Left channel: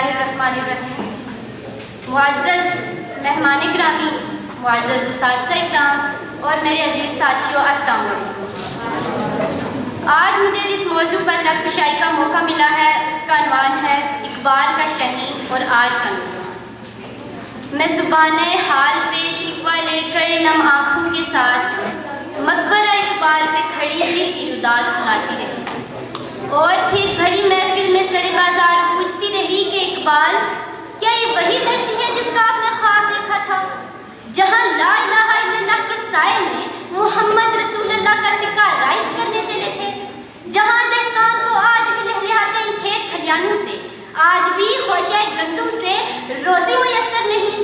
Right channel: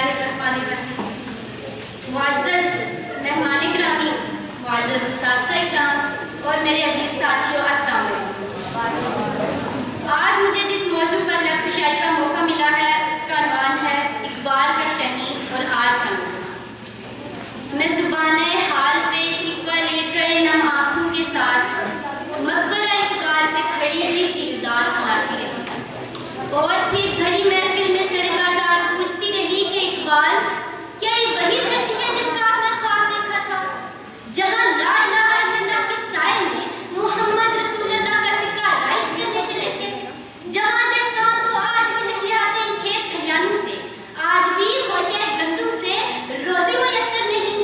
बिस्मिल्लाहिर्रहमानिर्रहीम। मुअज़्ज़ज़ मेहमान ग्रामी, मुअज़्ज़ज़ उस्ताद इकराम और मेरे अजीज साथियों, अस्सलाम वालेकुम। आज मुझे जिस मौजू पर लफ्ज़ का मौका मिला है उसका अनवान है इकबाल का शहनी और आज का नूर। मैं ज़ुबाने हाल पे शिकवा लेकर नम आँखों के साथ मकबरा इकबाल पे खड़ी दिल की रुदात सुनाती रही और फिर भरी महफिल में सरे बाजार पूछती रही कि इकबाल, क्या ये वही धरती है जिसका आपने ख्वाब देखा था, जहाँ ला इलाहा इल्लल्लाह के साए में मोहम्मद रसूलुल्लाह का सिक्का राइज करने चले थे, जहाँ दहकान तो आज भी लहलहाते इन खेत खलियानों से, आज भी होशे गंदुम से रोज़ी मुयस्सर नहीं,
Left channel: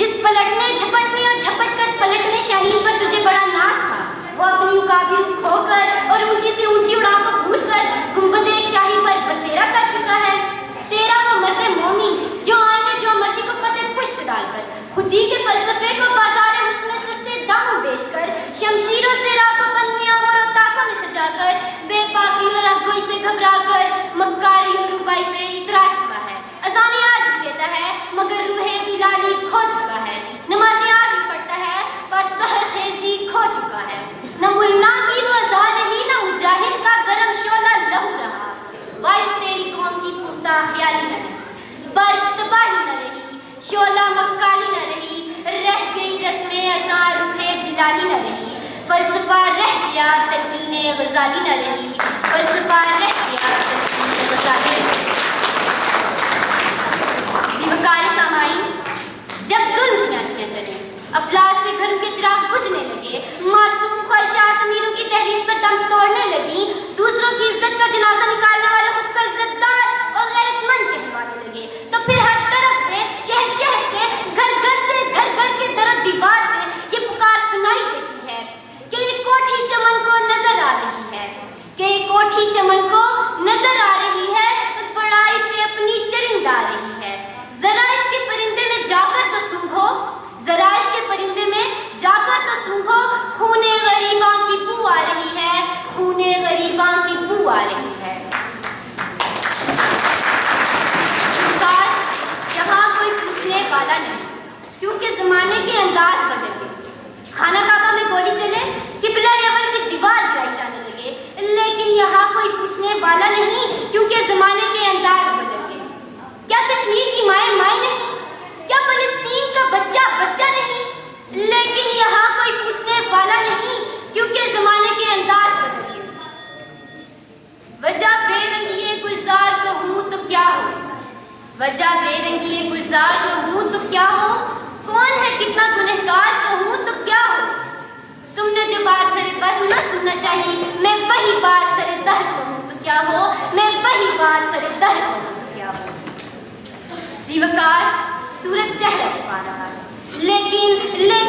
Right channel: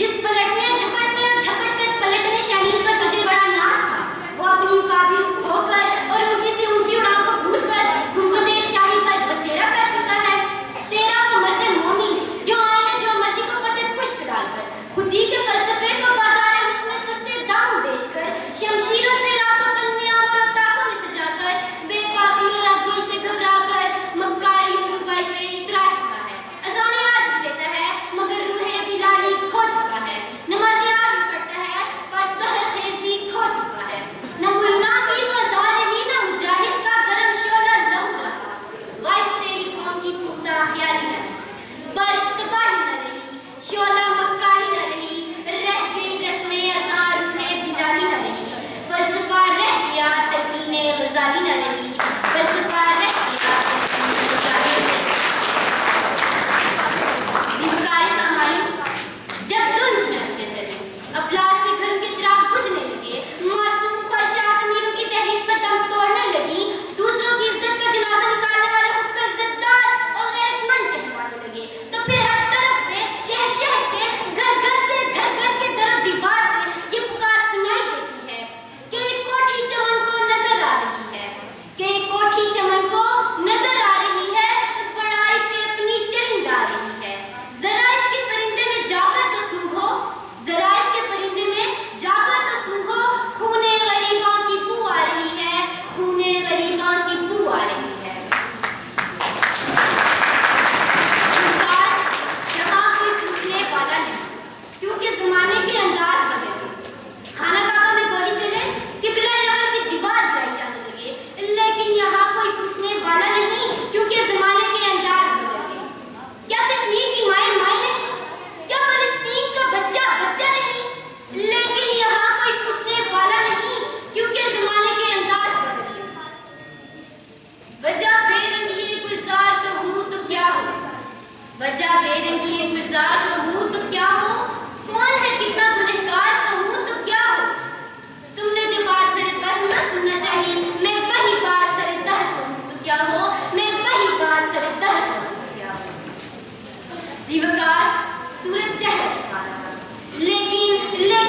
जिस पलटने झपटने और झपट कर पलटने शाहीन पर तुझे बड़ा नाज था, वो अपनी उकाबी खोकर और ऊंची से ऊंची उड़ान को भूल कर गुंबदे शाही पर बसेरा कर चुका है। तेरा वो मर्द मोमिन जो आने जो मर्दी को पसंद पुष्ट डालकर खुदी के फलसफे को बाजार में सस्ते दाम बेचकर शमशीरों से रातों बंदे और ताकों में सजाकर बेबाकी और अगुई से घबराकर मक्कारी और रुबाई पे इतरा चुका है। अज़ाने आज भी देता है मगर रूहे बिलाली खो चुका है, नमाज़ें आज भी पढ़ता है पर सहर खेजी खो चुका है। न मुल्ला की वो अज़ान रही न मुजाहिद का गरम शोला लहू रहा, वाइस तेरी कौम की पुख्ता ख्याली न रही, बर्फ तबाही न रही, शोला मक्काली न रही, रह गई रस्में अज़ां रूहे बिलाली न रही, फलसफा रह गया तलकीने गज़ाली न रही, फलसफा रह गया तलकीने गज़ाली न रही। ज़िवकारी सामाईन, जब ज़ुल्म की नाचियाँ चले, अफलास से घरों के चिराग बुझने लगे, मासूम ख्वाहिशात अमीरों की दहलीज पर दम तोड़ने लगी, दूसरों की इज्जत का जनाजा निकालने वाले खुद का इज्जतदार और गैरतमंद कहलाने लगे, तो फिर हर तरफ से, शहर शहर से, घर घर से, घर घर के दर दीवार से ये पुकार सुनाई देती है कि ये कोठी चमन को नजर आ रही है, कि ये कोठी चमन को नजर आ रही है, बड़ाई पे अपनी चरिंद आ रही है। जरा इसके परिंदे में जाकर तो सूंघो, जरा इसके परिंदे में जाकर तो सूंघो, खूने गरीबां की बू आ रही है, खूने गरीबां की बू आ रही है। यहाँ कोई पूछने वाला नहीं, क्योंकि जमाने के अंदाज बदल गए। खाना काबा में गोली चले, किबला अव्वल की दीवार गिराई जाने लगे, लेकिन यहाँ कोई पूछने वाला नहीं, क्योंकि जमाने के अंदाज बदल गए। क्या कश्मीर की माएँ माएँ नहीं, क्या फलस्तीन का बच्चा बच्चा नहीं, लेकिन यहाँ कोई पूछने वाला नहीं, क्योंकि जमाने के अंदाज बदल गए। वजह बेरंगी गुलजार कहूँ तो क्या हो, वजह बेरंगी गुलजार कहूँ तो क्या हो, कौन है कितना गुनहगार कहूँ तो क्या हो। तुमने जो बात सरे बस न सुनना चाहिए, मैं वही बात सरे दहर कहूँ तो क्या हो, मैं वही बात सरे दहर कहूँ तो क्या हो। जीवकार सूरज चेहरा छुपा रहा, लेकिन मैं